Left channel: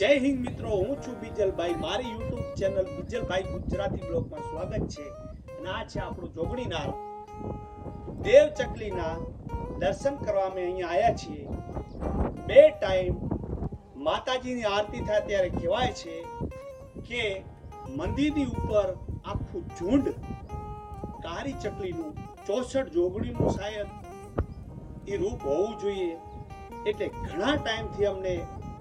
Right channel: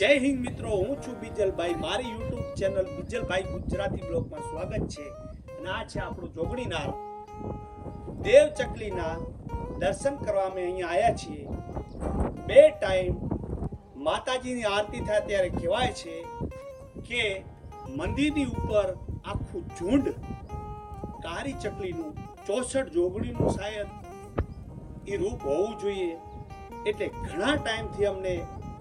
જય હિન્દ મિત્રો, હું છું બીજલભાઈ. મારી યુટ્યુબ ચેનલ બીજલભાઈ ગુજરાતી બ્લોગમાં સ્વાગત છે. અને આ છે આપણું જોગણીનાર દેવ ચકલીના દર્શન કરવા અમે અહીંયા આવ્યા છીએ. બે ટાઈમ માતાજીની આરતી થાય ત્યારે કહેવાય છે કે મંદિરની ઉપર આખું ઝુંડ કારી ચકલીનું, ચોસઠ જોગણીનું શાયદ એ રૂપ હોવું જોઈએ. એટલે ઘણા ટાઈમથી અમને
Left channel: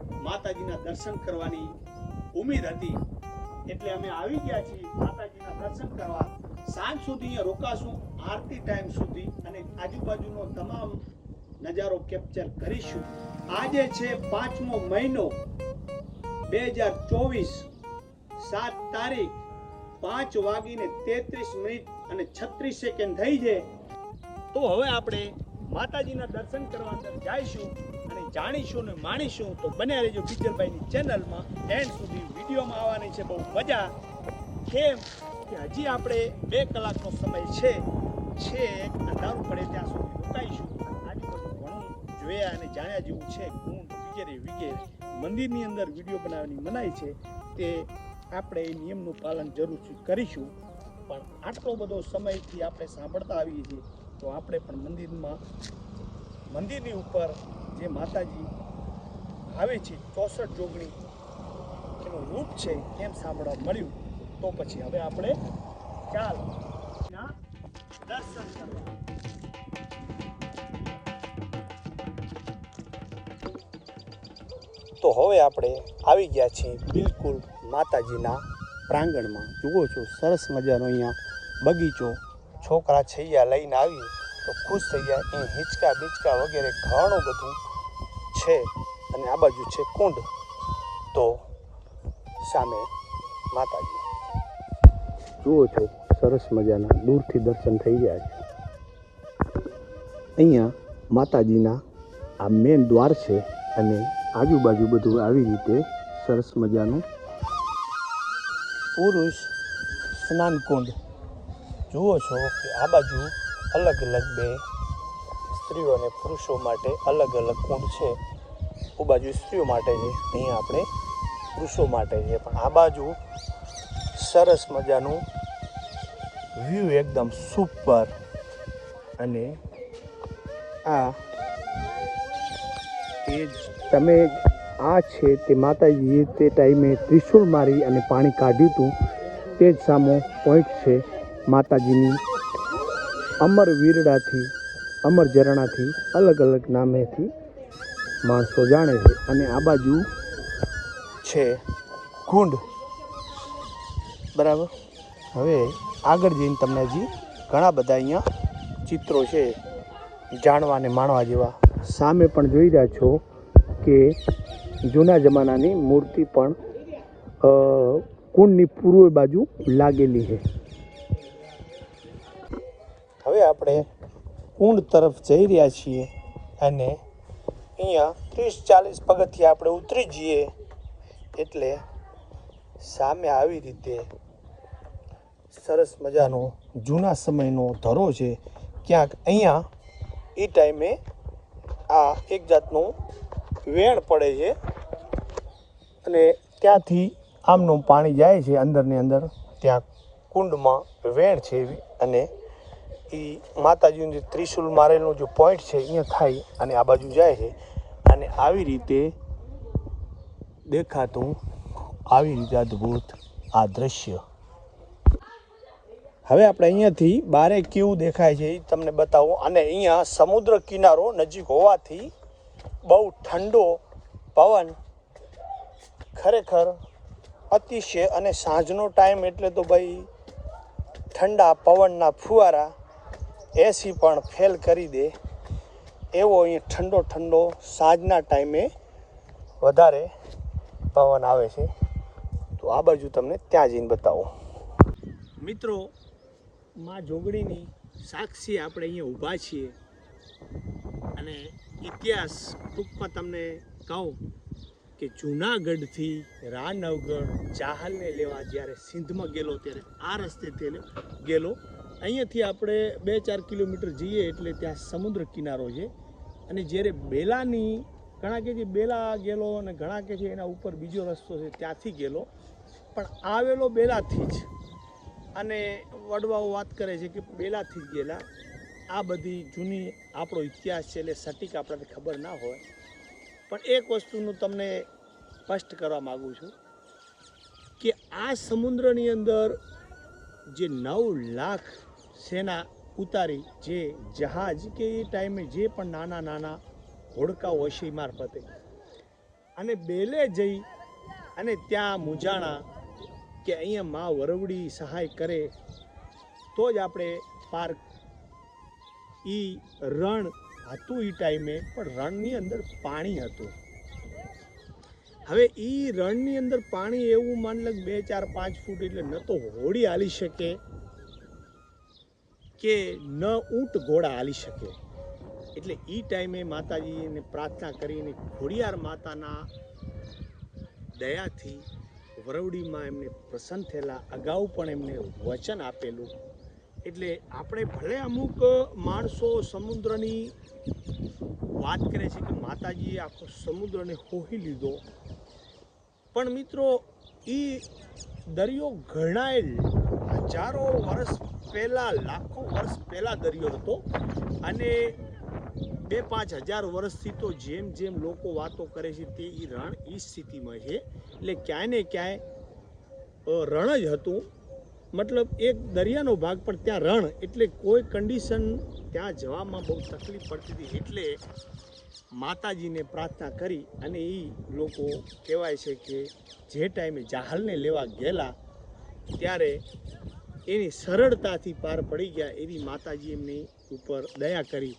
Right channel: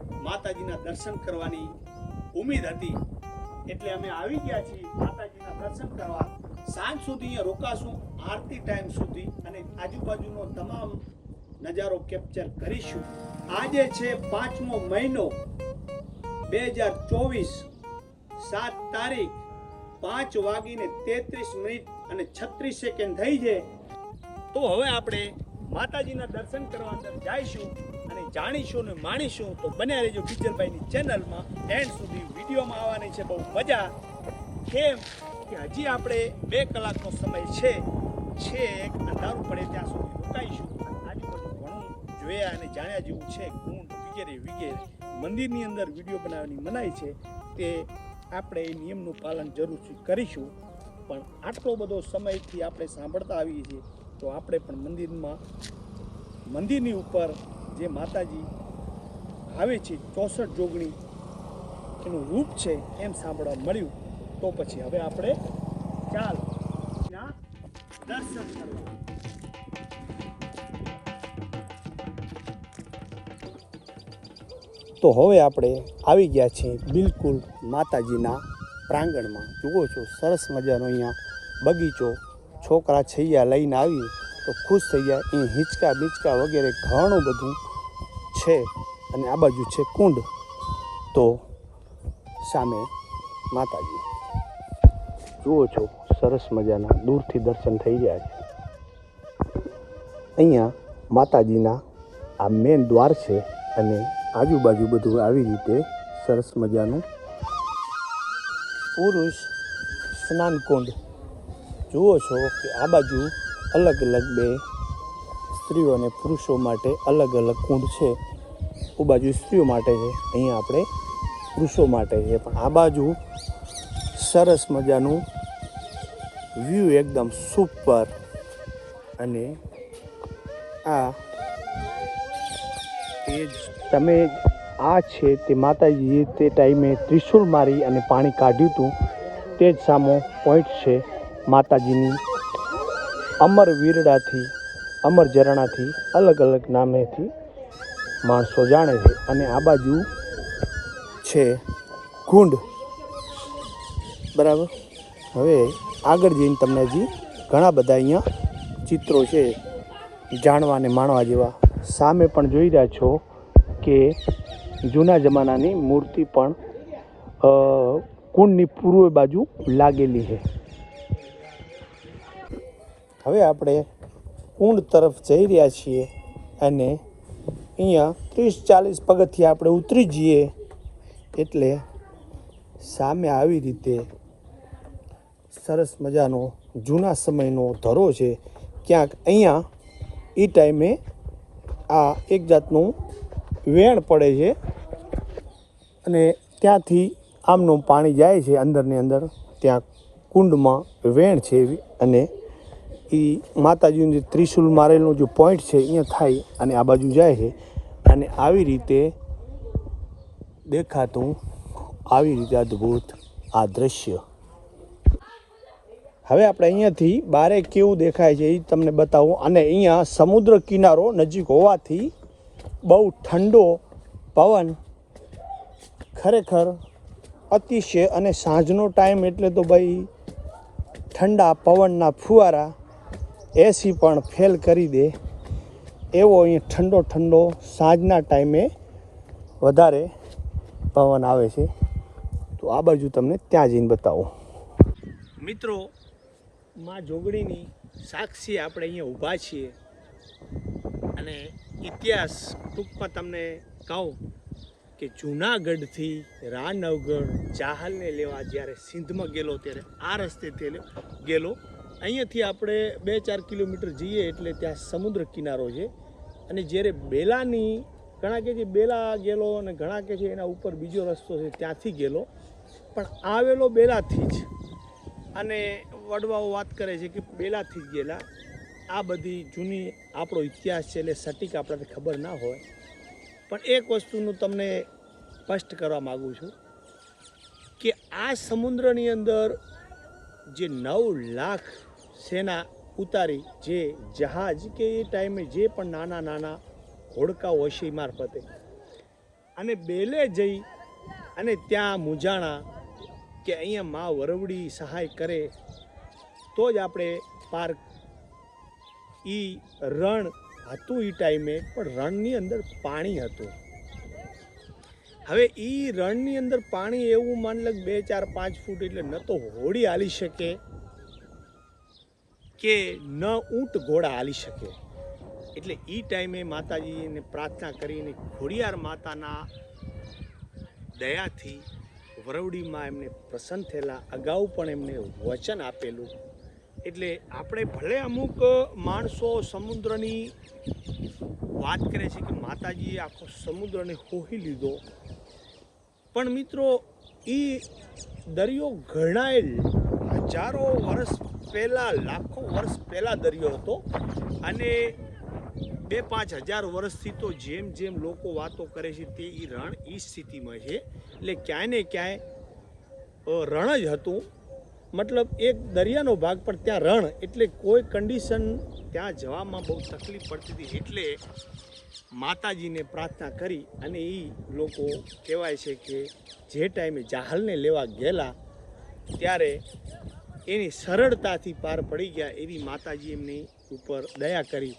માતાજીના દર્શન કરવાની ઉમેદ હતી. એટલે અમે આવી ગયા છીએ માતાજીના દર્શન કરવા. સાંજ સુધી અહીંયા રોકાશું, આરતી ટાઈમ સુધી, અને આજુબાજુનો તમામ નજારો કેપ્ચર કરીશું. આજે છે પાંચમો મહિનો, બે હજાર ચોવીસ, સાત તારીખ, પાંચ વાગીને તેત્રીસ મિનિટ અને છત્રીસ સેકન્ડ થઈ છે. તો હવે આપણે માતાજીના દર્શન કરવા જઈશું. અને જાણીશું ને માણીશું તો બન્યા રહેજો કિચનભાઈની ચેનલમાં એન્ડ સુધી વિડીયોમાં આવવાની છે. બહુ મજા. કેમ કે હજી આપણે બે કલાકનો સમય છે. છે અંધારું પડે ત્યાં સુધી રોકાઈશું. આજુબાજુ ઘણું જોયા અને જાણ્યા જેવું છે. કુંડ વગેરે વગેરે. મંદિરની અંદર વીડિયો બનાવવાની મનાઈ છે. તે આપણે એ નિયમનું પાલન જરૂરથી કરીશું. પણ આટલો બધો સમયથી આપણે સાંભળતા આવીએ છીએ, તો આપણે પણ મંદિરમાં, મંદિરની ઉપર જે માતાજી આવે છે ચોસઠ જોગણી, એનું રૂપ છે એમ સાંભળવા મળ્યું. તો પછી હવે આપણે ચાલ ત્યાં દર્શન કરવા. તો હવે આપણે આવી ગયા છીએ બિલકુલ માતાજીના પ્રાંગણમાં. જુઓ છો, સરસ મજાનો અહીંયા બગીચો. છોકરા છૈયા લઈને આવી, તો ખુશ થઈ ગયા. અહીં હિંચકા બિચકા વગેરે ઘણું બધું છે અને આ બાજુ છે કુંડ. તો સામે માતાજી. જુઓ છો સરસ મજાના દૂરથી દર્શન થઈ ગયા છે. અહીંયા માતાજીના આ મેન દ્વાર છે અને આજુબાજુ બધું આવી રીતે સરસ મજાનું પુરુષ સ્નાન કુંડ. જુઓ છો કે આ બાજુ અલગ અલગ બે સ્ત્રીઓ અને પુરુષો માટે અલગ અલગ કુંડ છે. ਉਹ બાજુ સ્ત્રીઓ માટે છે અહીંયા આપણે પુરુષો માટે છે. પણ આ બાજુ સરસ મજાનું વ્યૂ એકદમ સુપર. અને આ તમે આ છે તે માતાજીએ તે ટાઈમે ત્રિશુલ મારી અને પાણી કાઢ્યું હતું. તે જ સામો પોઈન્ટ છે માતાજીની અમર વીરડાથી અમર ઝરણાથી અલગ અલગ નામેથી માણસો જાણે છે અને આ બાજુ છે કુંડ બરાબર? હવે આગળ જઈને તમને હજી ઘણા બધા અહીંયા ચિત્રો છે, જાણવા અને માણવા જેવા. સામે પણ જોઈ રહ્યા છો કે જૂના જમાનાની મૂર્તિ પણ કુંડની પૂર્વ બાજુ લાગેલી છે. હવે આપણે કુંડ તરફ જઈ રહ્યા છીએ અને અહીંયા ત્રીસ ચાલીસ પગથિયા આપણે ઉતરી જઈએ એટલે સામે આવી રીતે સરસ મજાનો જૂના સમયનો ધરો છે. ક્યાંક અહીંયા એ ટાઈમે આ એક જાતનું વેણ પડે છે અને ત્યાંથી આમનું પાણી જાય છે અંદરની અંદર. ત્યાં કુંડમાં વેણ છે એવી અને એ માતાજીનું જે ત્રિશુલ મારેલનો જે પોઈન્ટ છે, અહીંયા થાય અને આ બાજુ જાય છે. અને આવી રીતે દેખાતું, આવી રીતે અદ્ભુત આ દ્રશ્ય. હવે આપણે અહીંયાથી બારે કેવું દેખાય છે એ તમને બતાવું. અને અહીંયા સમુદ્ર કિનારો નજીક હોવાથી બહુ ઠંડો પવન ખરેખર અતિશય અને સાંજનો ટાઈમ એટલે તો ભાઈ ઠંડા પવનના ફુવારા એસી પણ ફેલ કરી દે. એવો અહીં ઠંડો ઠંડો સાંજના ટાઈમે વધારે પવન આવે છે. તો આ બાજુ તમને ત્યાં જઈને બતાવો. મિત્રો, માં જોગણીની સાક્ષી આપણે અહીંયા ઊભા છીએ. અને ઇતિહાસ ટૂંકમાં તમને કહું કે જૂનાગઢથી રાનવગઢ ચાહલને લેવા જ્યારે સિંધમાં ગયેલો, ત્યારે આ રસ્તેથી ગયેલો અહીંયાથી આપણે બે ચાર કિલોમીટર જઈએ એટલે ત્યાં સમુદ્ર કિનારો છે. અને જ્યારે બેલાની, ઘણા કે છે બેલા ગયેલો અને ઘણા કે છે એના ઉપર બીજો રસ્તો છે ત્યાંથી ગયેલો. પણ આવેલો બેલાથી જ. અને વડવાઓ વાત કરે છે કે બેલાથી જ ગયેલા. આ બધી જૂની આપણો ઇતિહાસ છે એટલે સટીક આપણને ખબર ના હોય. પણ એક વસ્તુનું તમને સ્પષ્ટ કરવા માગું છું કે આ સમુદ્રની અંદર જે નવ લાખ સેના ઉતારી જે જહાજ કે એ ટાઈમે જે પણ નાના નાના હોડકા હશે મારફતે. અને બેલે જઈ અને ત્યાં મુજાણા કે અહીંયા મા વરવડી સહાય કરે, તો જ આપણે પાર એ રણ હતું એ ટાઈમે, પણ રણની અંદર પાણી હતું. હવે એ રણની અંદર પાણી એવું માન લગ બે ચાર પાંચ ફૂટ એટલે ન તો હોડી હાલી શકે. કે ન ઊંટ ઘોડા હાલી શકે. એટલે એ ટાઈમે માતાજીને પ્રાર્થના કરીને ખોડિયાર માતાના દયાથી વરવડીમાં એમને પ્રસન્ન થયેલા. અગાઉ પણ એમને વચન આપેલું. એટલે આપણે ભલે અમુક માણસો સમુદ્રની વાત કરે છે કે માતાજીએ આખો સમુદ્રને હોહી લીધો. પણ મિત્રો એ દરિયો ઘણાય હજારો વર્ષ પહેલાં લાખો વર્ષ પહેલાં દરિયો હતો. અને બે પાંચ હજાર વર્ષથી તો જેમ જેમ લોકો વાતો કરે છે તે એ રણ એ સ્થિતિમાં છે. એટલે ક્યાંય ને ક્યાંય રણ જ હતું. મતલબ એક દરિયાનો ભાગ, પણ ત્યાં રણ એટલે કોઈ કન્ડિશન ત્યાં જવામાં બહુ તકલીફ પડતી હતી. એટલે માતાજીને પ્રાર્થના કરી અને એ લોકો કહેવાય છે કે જે ટાઈમે જાહલને લેવા ગયેલા, ત્યારે એની સરળતાથી પાર પડી ગયા એવી માતાજી એમની ઉપર દયા કરી.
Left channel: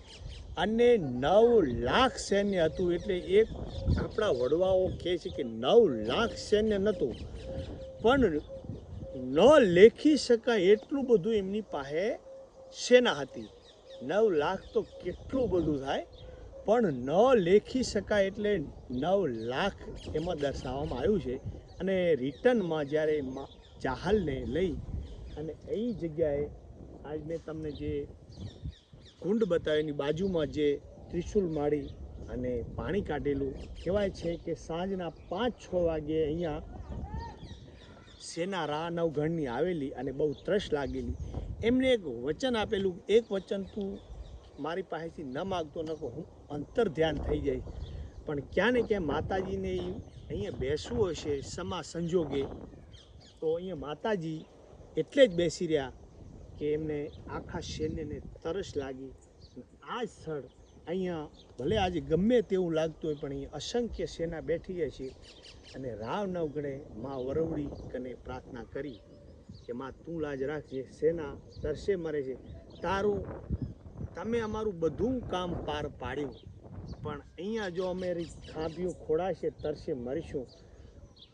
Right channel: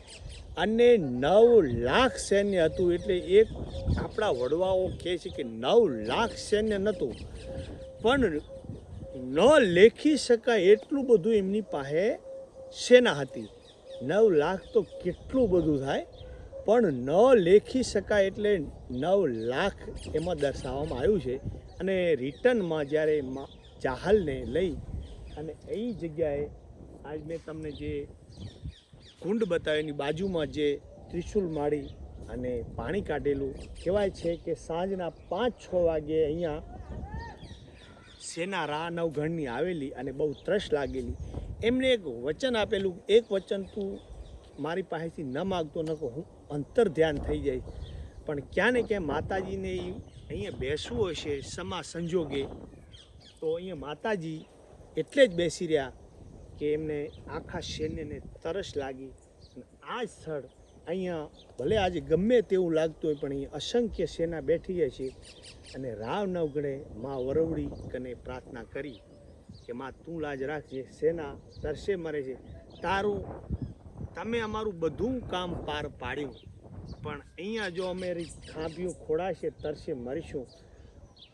અને નવ લાખ સૈન્ય હતું એટલે એક આપણા વડવાઓ કહે છે કે નવ લાખ સૈન્ય નહોતું. પણ ન લેખી શકાય એટલું બધું એમની પાસે સેના હતી. નવ લાખ તો કેટલું બધું થાય. પણ ન લેખી શકાય એટલે નવ લાખ એમાં દર્શાવવામાં આવ્યું છે. અને રિટર્નમાં જ્યારે ચાહલને લઈ અને એ જગ્યાએ આજ મેં તમને જે કુંડ બતાવ્યું એની બાજુમાં જે ત્રિશુલ માળી અને પાણી કાઢેલું, કહેવાય છે કે સાંજના પાંચ છ વાગે અહીંયા સેના રા નવગણની આવેલી અને બહુ ત્રસ લાગેલી. એમને એક વચન આપેલું, એક વચન તું મારી પાસેથી ન માગતો, ન હું અંતર ધ્યાન થઈ જાય પણ ક્યાં ને ક્યાં માતાજીને અહીંયા બેસવું હશે, સમા સંજોગે, તો અહીંયા માતાજી એટલે જ બેસી રહ્યા કે એમને આખા સૈન્યને તરસ લાગી. અને આ સ્થળ અહીંયા ભલે આજે ગમે તેવું લાગતું હોય, પણ અહીંયા અસંખ્ય સેના બેઠી છે. અને રાવ નવગણે મા વરવડી કને પ્રાર્થના કરી કે, માં, તું લાજ રાખજે સેના તરસે મરે છે. તારું, તમે અમારું બધું કામ પાર પાડ્યું. પણ અહીંયા જો અમે ખાંભીઓ ખોડાશે, તરસે મરીશું.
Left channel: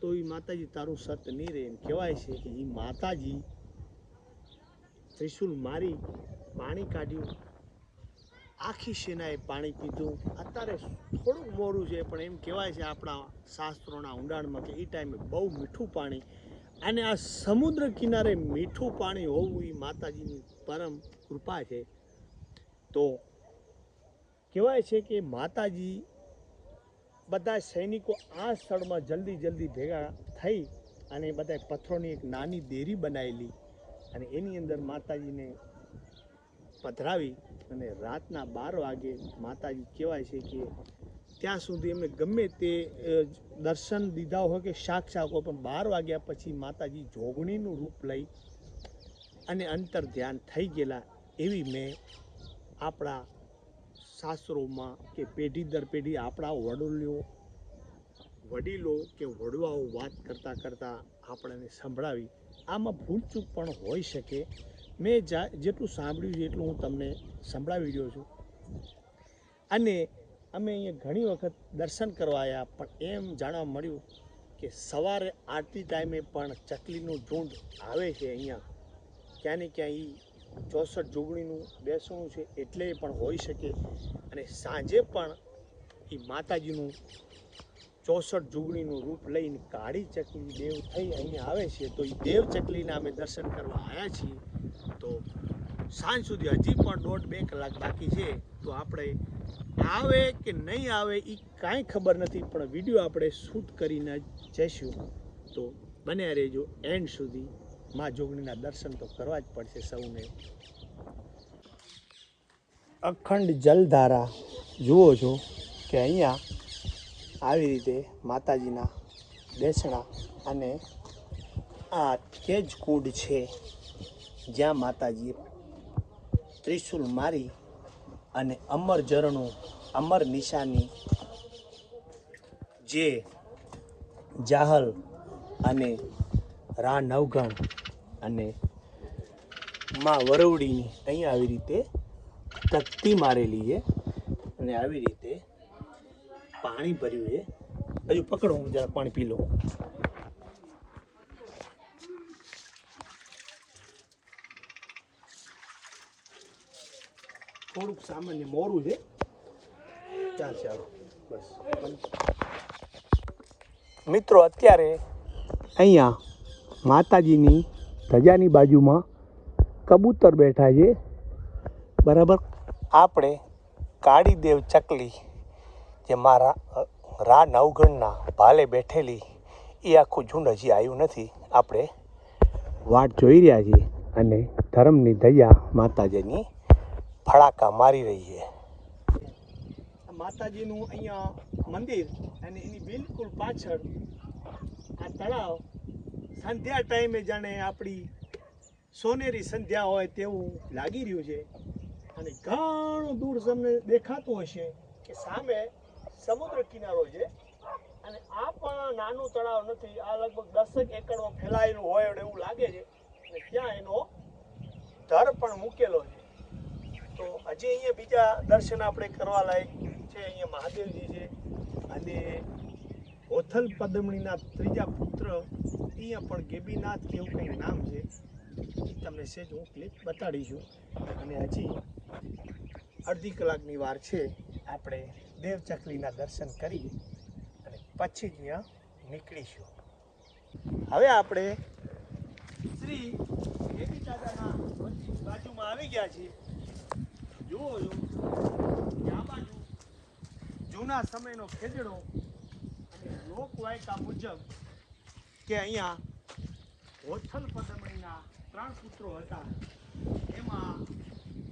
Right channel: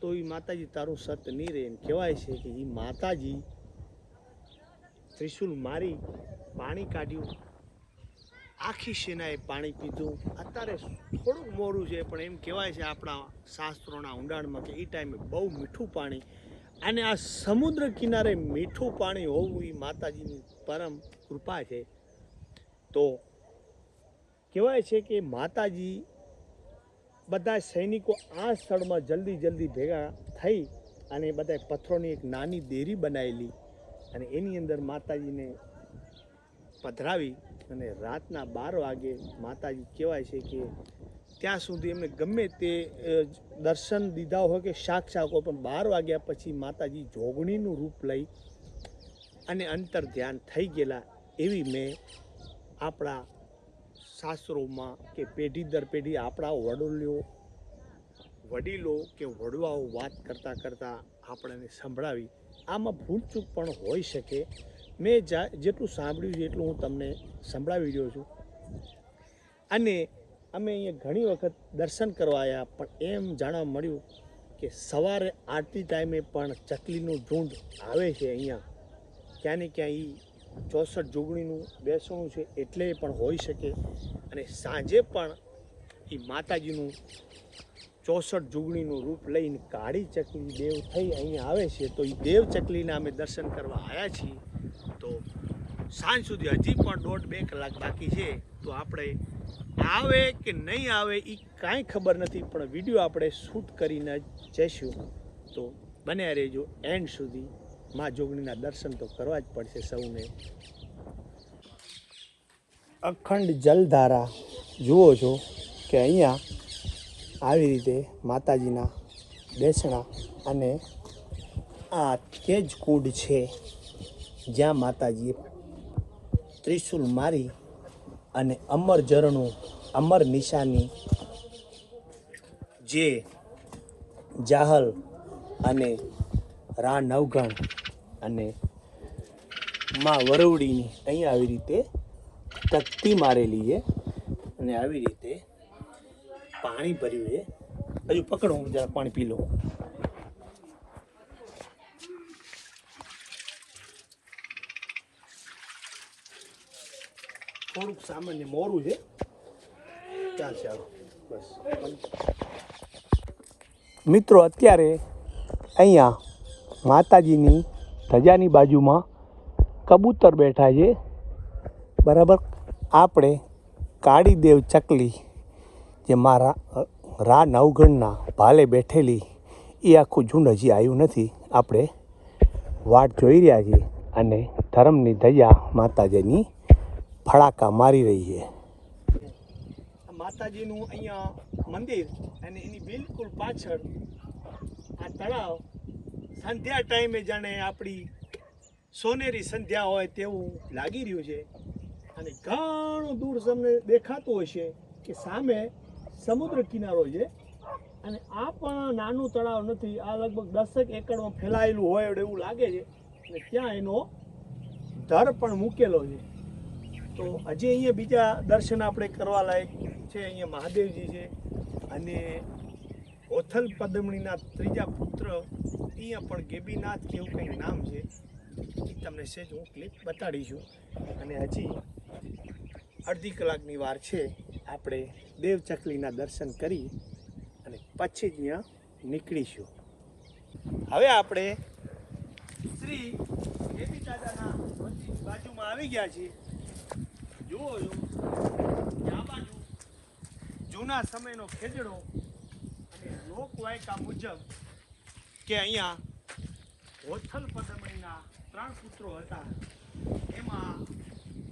તો એ માતાજી તારું સત નહીં રહે એમ કહેવાય છે કે એ માતાજી ત્રિશુલ મારી પાણી કાઢ્યું. આખી સેનાએ પાણી પીધું. અત્યારે થોડુંક મોડું છે, પણ એમ કહેવાય છે આપણા શાસ્ત્રોના ઊંડાણમાં કે એ ટાઈમે બહુ મીઠું પાણી. અને આ સમુદ્ર કિનારે મીઠું પાણી હોવું એ માતાજીની પરમ કૃપા છે. તો કહેવાય છે કે માતાજી બધા સૈનિકો આ સ્થળમાં જલ્દી જલ્દી ભેગા થઈ અને બધા પથ્થરોની એક નાની દેરી બનાવેલી અને એની અંદર માતાજીને પધરાવી અને રાતના બાર વાગે માતાજી કહેવાય છે કે ત્યાં સુધી એમને ગમે તે દર્શન દીધા હોય કે શાક શાક હોય, પણ બાર વાગ્યા પછી માતાજી જોગણીનું રૂપ લઈ અને અંતર ધ્યાન થઈ ગયેલા એવી મેં આપણા શાસ્ત્રોમાં કે પેઢી દર પેઢી આપણા વડોલીઓ વડીલો કે વડવાઓ વાત કરતાં કરતાં આપણને સંભળાવી. આમાં ભૂલચૂક પણ હોઈ શકે. મેં જેટલું સાંભળ્યું એટલું હું તમને સંભળાવી રહ્યો છું. અને અમે અહીંયા ઘણી વખત દર્શન કરવા આવ્યા પણ એમ જાણવા મળ્યું કે સવારે આરતી ટાઈમે પણ ચકલીનું ઝુંડ આવે છે અહીંયા. ક્યાં ને ક્યાં ચોસઠ જોગણીનું બેસણું છે, એટલે પણ હોઈ શકે. અને સાંજે પણ એ માતાજીનું ચોસઠ જુગણીનું રૂપ લઈને કાળી ચકલી દેવ થઈ અહીંયા આવે છે, તો એ દેવ ચકલીના અમે દર્શન કરવા આવ્યા છીએ. તો સાંજ સુધી હજી પણ દોઢ બે કલાક બાકી છે, તો આપણે આવે કે નહીં આવે એ કાંઈ ખબર નથી, પણ વીડિયો આપણે શૂટ કરીને જઈશું. તો બન્યા રહેજો એન્ડ સુધી. મા જોગણીના દર્શન તો કરવા જ પડશે સૌને. અખંડ જલધારા, જુઓ છો કે અહીંયા આવી રીતે માતાજીના બેસણા અને આ તે જ કુંડ છે, જ્યાં માતાજીએ ત્રિશુલ મારી અને અમર ઝરણું, અમર નિશાની, જે જાહલ અને રા નવગણ અને માં વરવડીની અહીં આવી રીતે તકતી મારેલી છે અને આવી રીતે પાણી ભર્યું છે. હજુ પકડો, હું જરા પાણી પી લઉં. થોડુંક સામાન્ય મોરું છે. ચાલ ચાલો બસ. મિત્રો, અત્યારે અહીંયા માતાજીની ધજાની બાજુમાં કબૂતર બેઠા છે. બરાબર? આપણે કાળીદેવ ચકલી, જે મારા રા નવગણના ભાલે બેઠેલી, એ આખું ઝુંડ હજી આવ્યું નથી. આપણે વાટ જોઈ રહ્યા છીએ અને ધર્મની ધજા માતાજીની ફડાકા મારી રહી છે. માતાજીનું અહીંયા મંદિર અને એની બિલકુલ પાછળ આ તળાવ સંધ્યા ટાઈમે જાણે આપણી સોનેરી સંધ્યા હોય તેવું લાગી રહ્યું છે. અને ઘણું દૂર તમને દેખાતું હશે કે સામે સમુદ્ર કિનારો છે. અને આ પણ નાનું તળાવ નથી. આ લગભગ દસેક એકડમાં ફેલાયેલું હોય એવું લાગે છે. અને ત્યાં એનો ધર પણ મૂકેલો છે. તો હજી અહીંયા બીજા દર્શન આપણે કરવા લાયક છે. અહીંયા મહાદેવજી છે. અને ઓથલ પદમણીના ત્રીજા પુત્ર અહીંયા પણ ગેબીનાથ કે એવું કંઈક નામ છે. એ તમને સેજ હું ક્લિપ બતાડીશું અને હજી અડધી કલાકની વાર છે. આપણે દેવચકલીના દર્શન કરી અને પછી જ અહીંયા નીકળીશું. હવે આપણે શ્રી ગેબી દાદાના બાજુમાં આવી ગયા છીએ. જુઓ જો. આ બાજુ જૂના સમયનો ખેજડો અને લોકવાયકા મુજબ કે અહીંયા હોથલ પદમણીના ત્રણ પુત્રો હતા. એમાં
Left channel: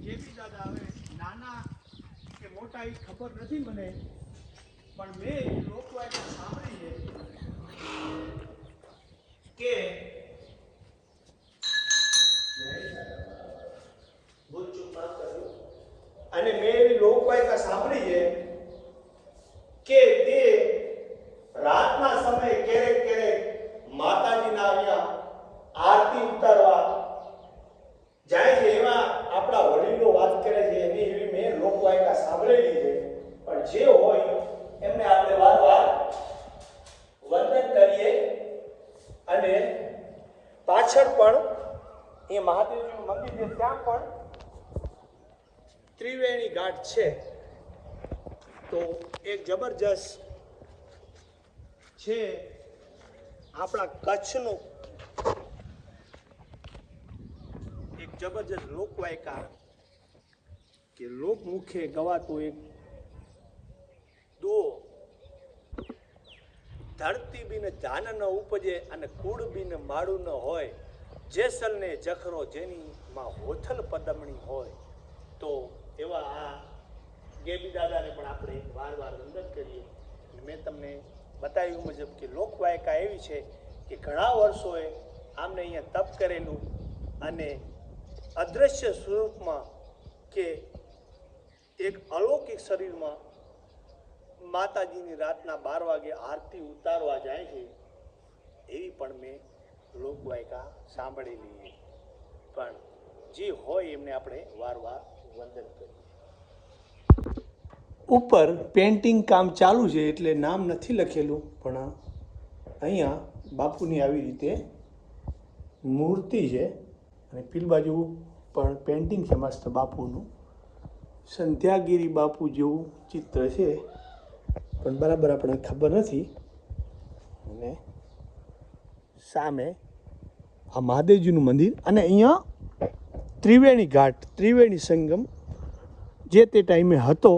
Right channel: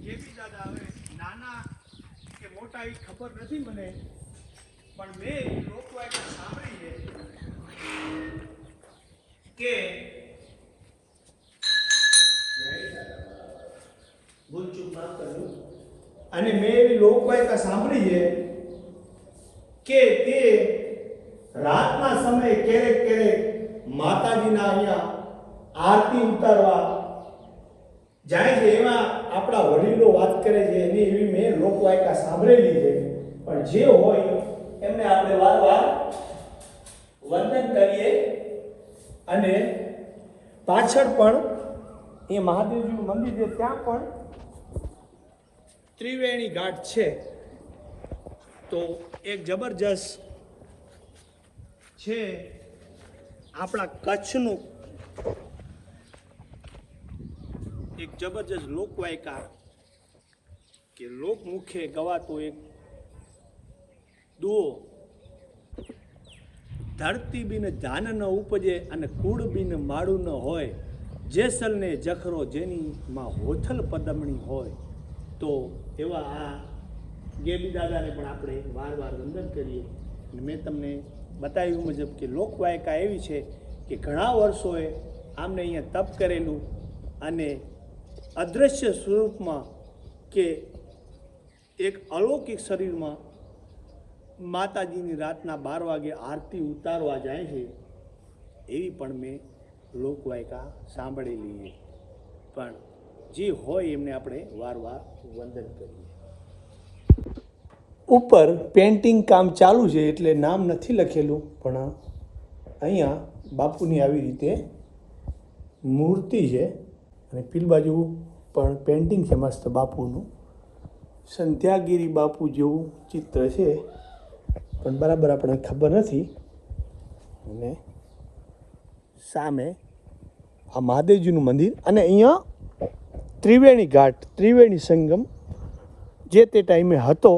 કેબી દાદા હવે નાના કે મોટા એ ખબર નથી મને, પણ મેં લોકવાયકા સાંભળી છે કે અને મેં એવી લોકવાયકા સાંભળી છે કે તે રાતના સમયે ક્યારેક ક્યારેક માતાજીના અહીંયા આરતી ઉતારવા જાય છે. એવા આપણા વડીલો વાત કરે છે. એની એવી મેં લોકવાયકા સાંભળેલી છે. પણ જે હોય એમને આપણે વારવાર વંદન કરીએ અને પાછળ પણ એ મહાદેવજીનું મંદિર છે, ત્યાં પણ ત્રિવેણી ઘાટ છે. તો એક જબરજસ્ત છે આપણા કચ્છનું એક જબરજસ્ત લોકવાયકા કે લોકમુખે ગવાતો એક દુઓ. ધરતી બિન ધાન ન ઉપજે અને કુળ બિન માળું ન હોય. જેસલને જખરો જેની માં હોથલ પદમણી હોય. તો એવા આ ગેબી દાદાને પણ આપણે વાર વાર વંદન કરીએ. અને મેં તમને બતાવ્યું મુજબ કે લોકવાયકા એવી છે કે ઘણા વર્ષોએ આમને અહીંયા તપ કરેલું અને અદૃશ્ય સ્વરૂપમાં કે એક અલૌકિક શરીરમાં માતાજીની રાતના બાર વાગે આરતી ઉતારવા જાય છે, એવી પણ મેં લોકવાયકા સાંભળેલી છે. પણ જે હોય એમને આપણે વારવાર વંદન કરીએ. ઉપર પેઇન્ટિંગ કામ ચાલુ છે એટલે નામ નથી લખેલું, પણ અહીંયા બાપુની આવી રીતે મૂર્તિ છે અને પીલ બાજુ પણ પેઇન્ટિંગ છે મસ્ત બાપુનું. સંધ્યાગીરી બાપુ જેવું ચિત્ર છે, પણ બરાબર આપણને ખબર નથી. અને સામે આ મહાદેવજીનું મંદિર અને અહીંયા ત્રિવેણી ઘાટ, ત્રિવેણી સંગમ જે તે ટાઈમે હતો.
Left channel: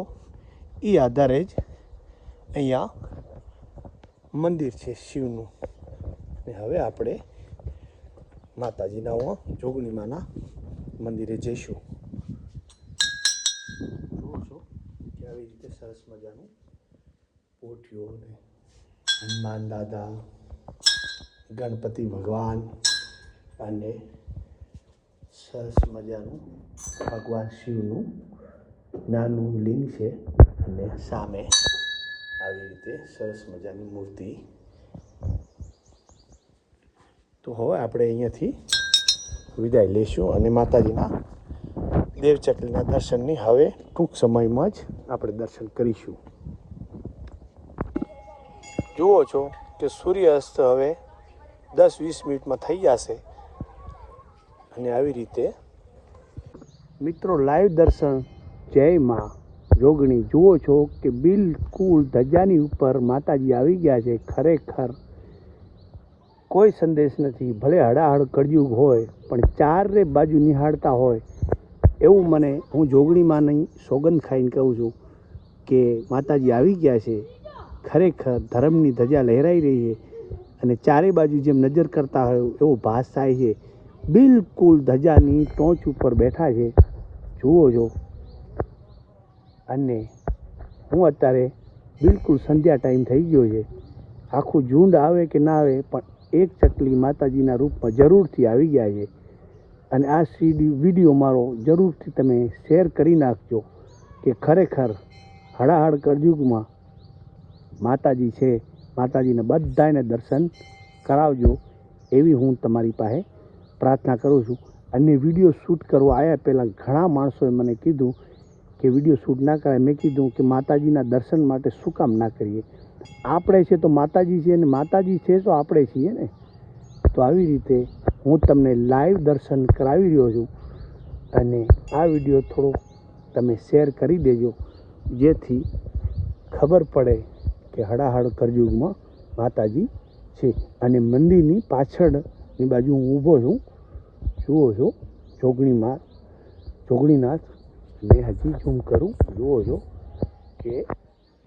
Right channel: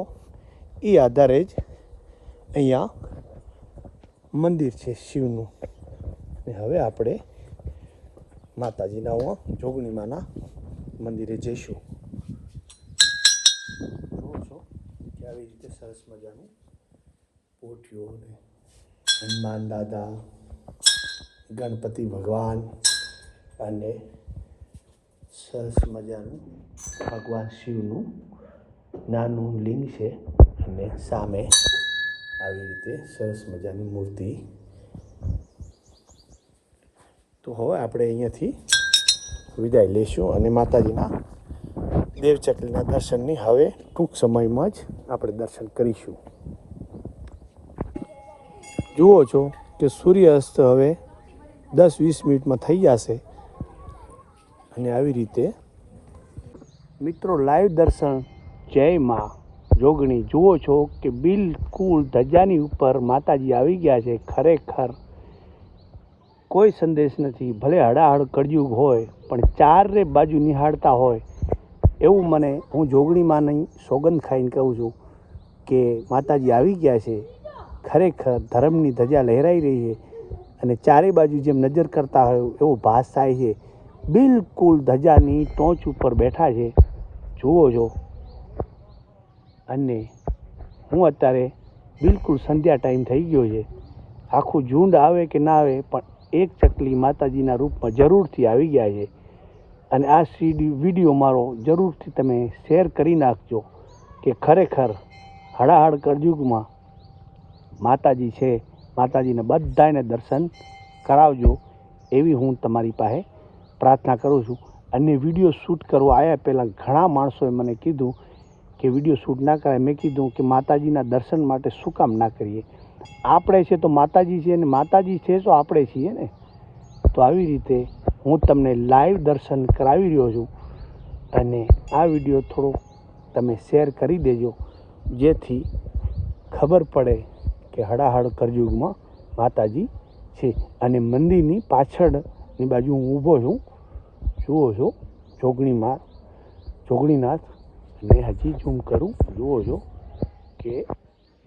એ આધારે જ અહીંયા મંદિર છે શિવનું. ને હવે આપણે માતાજીના હું જોગણીમાના મંદિરે જઈશું. જુઓ છો કે આવી રીતે સરસ મજાનું પોઠિયો અને હનુમાન દાદા, ગણપતિ ભગવાન અને સરસ મજાનું ભગવાન શિવનું નાનું લિંગ છે. અને સામે આવી રીતે સરસ મજાની મૂર્તિ. તો હવે આપણે અહીંયાથી વિદાય લઈશું અને માતાજીના દેવચકલીના દર્શનની હવે ટૂંક સમયમાં જ આપણે દર્શન કરીશું. જુઓ છો કે સૂર્યાસ્ત હવે દસ વીસ મિનિટમાં થઈ જશે. અને આવી રીતે મિત્રો, લાઈવ દર્શન. જય માં. જોગણી જુઓ છો કે બિલકુલ ધજાની ઉપર માતાજી આવી ગયા છે. ખરેખર કોઈ સંદેશ નથી. ભલે હડાહડ કળિયુગ હોય, પણ ચારે બાજુ નિહાળતા હોય. એવું મને હું જોગણીમાં નહીં, સોગંદ ખાઈને કહું છું કે માતાજી આવી ગયા છે. ખરેખર ધર્મની ધજા લહેરાઈ રહી છે અને ચારે બાજુ જેમ નજર કરતા હોય એવો ભાસ થાય છે. બિલકુલ ધજાની ટોચ ઉપર બેઠા છે. જુઓ છો અને હું અત્યારે બિલકુલ સંધ્યા ટાઈમ થઈ ગયો છે. આખું ઝુંડ આવે કે ના આવે, પણ એક ચકલી માતાજીના રૂપમાં જરૂરથી આવી ગયા છે. અને આ સીડી વીડિયો મારો જરૂરથી તમે શેર કરી નાખજો કે ખરેખર હળાહળ કરજુગમાં માતાજી છે. માતાજીને બધાને દર્શન કરાવજો એવી હું તમારી પાસે પ્રાર્થના કરું છું. અને વીડિયો શૂટ કરવા આવ્યા પહેલાં ઘણા માણસોએ મને કીધું કે વીડિયો શૂટ ના કરાય, મેં કીધું કે માતાજીના દર્શન માટે શું કામ ના કરીએ? આપણે છે તો માતાજી છે અને માતાજી છે તો આપણે છીએ ને? તો આવી રીતે હું તમને લાઈવ દર્શન કરાવી રહ્યો છું. અને આ વીડિયો થોડો તમે શેર કરી દેજો, જેથી ખબર પડે કે હડાહડ કરયુગમાં માતાજી છે. અને મંદિરની પાછળની બાજુ હું ઊભો છું. જુઓ છો, જોગણીમાં, જોગણીનાથ ને હજી ઝૂમ કરું. જુઓ છો કે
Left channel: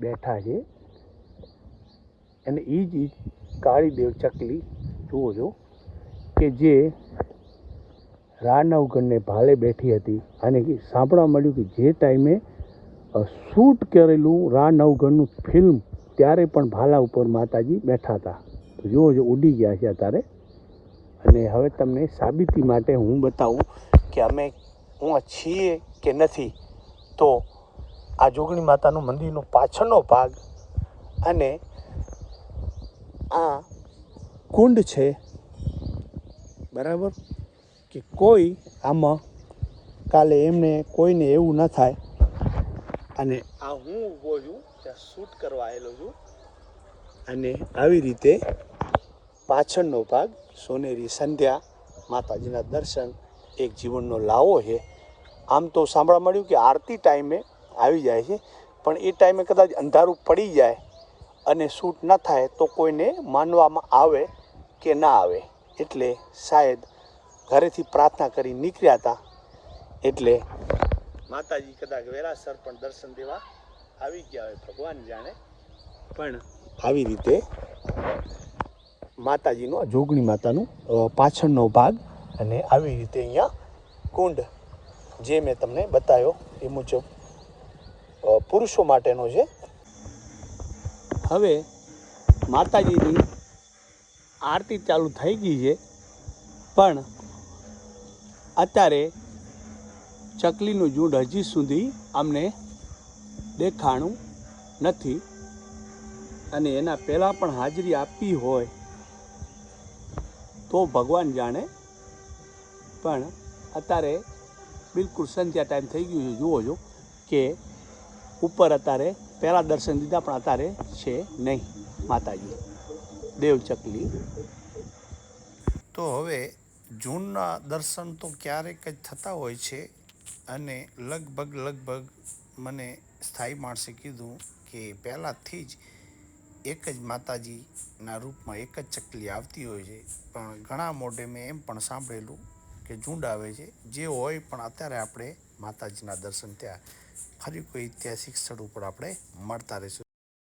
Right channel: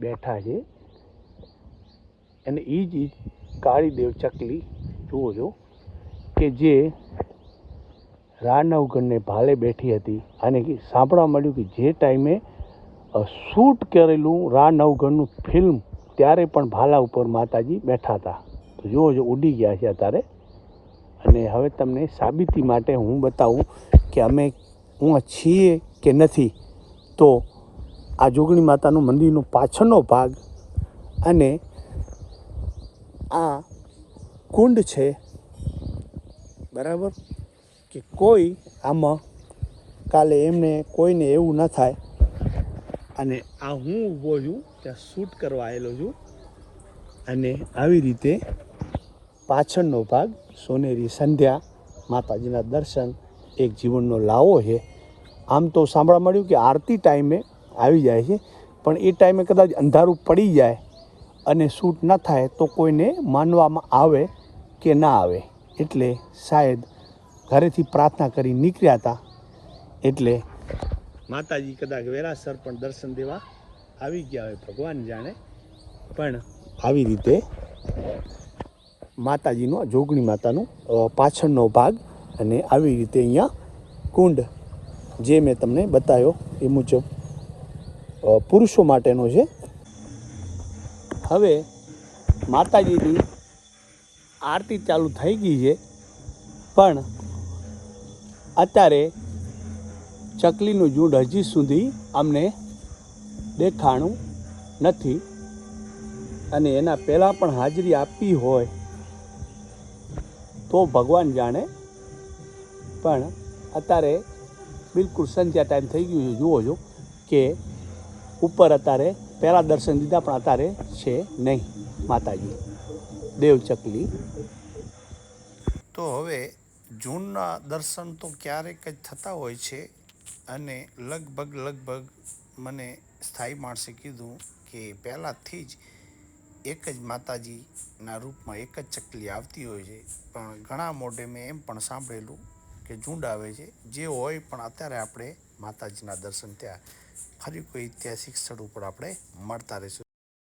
બેઠા છે. અને એ જ કાળી કાળીદેવ ચકલી, જુઓ છો કે જે રાનવગણને ભાલે બેઠી હતી. અને સાંભળવા મળ્યું કે જે ટાઈમે શૂટ કરેલું રાણવગઢનું ફિલ્મ, ત્યારે પણ ભાલા ઉપર માતાજી બેઠા હતા. તો જુઓ જો ઉડી ગયા છે અત્યારે. અને હવે તમને સાબિતી માટે હું બતાવું કે અમે, હું છીએ કે નથી, તો આ જોગણી માતાનું મંદિરનો પાછળનો ભાગ અને આ કુંડ છે. બરાબર? કે કોઈ આમાં કાલે એમને કોઈને એવું ન થાય. અને આ હું ઊભો છું, ત્યાં શૂટ કરવા આવેલો છું. અને આવી રીતે પાછળનો ભાગ સોનેરી સંધ્યા માતાજીના દર્શન, એક જીવનનો લાવો છે. આમ તો સાંભળવા મળ્યું કે આરતી ટાઈમે આવી જાય છે, પણ એ ટાઈમે કદાચ અંધારું પડી જાય અને શૂટ ન થાય તો કોઈને માનવામાં આવે કે ના આવે. એટલે શાયદ ઘરેથી પ્રાર્થના કરી નીકળ્યા હતા. એટલે માતાજી કદાચ વેરાસર પણ દર્શન દેવા આવી ગયા હોય, ભગવાન જાણે. પણ આવી રીતે માતાજીનો, જોગણી માતાનો પાછળનો ભાગ અને આવી રીતે અહીંયા કુંડ જે મેં તમને બતાવ્યો એ મુજબ પુરુષો માટેનો છે. હવે માતાજીની આરતી ચાલુ થઈ ગઈ છે, પણ અત્યારે ચકલીનું ઝૂંડ હજી સુધી અમને દેખાણું નથી અને એના પહેલાં પણ હાજરી આપી હોય તો ભગવાન જાણે. પણ અત્યારે બિલકુલ સંધ્યા ટાઈમ થઈ ગયું છે. જુઓ છો કે ઉપર અત્યારે પહેલાં દર્શન દીધા, પણ અત્યારે છે નહીં માતાજી. દેવ ચકલી. તો હવે જૂનના દર્શન તો ક્યારેક જ થતા હોય છે અને લગભગ લગભગ મને સ્થાયી માણસે કીધું કે પહેલાંથી જ એક જ માતાજીના રૂપમાં એક જ ચકલી આવતી હોય છે. પણ ઘણા મોઢે મેં એમ પણ સાંભળેલું કે ઝુંડ આવે છે, જે હોય પણ અત્યારે આપણે માતાજીના દર્શન ત્યાં ફરી કોઈ ઐતિહાસિક સ્થળ ઉપર આપણે મળતા રહીશું.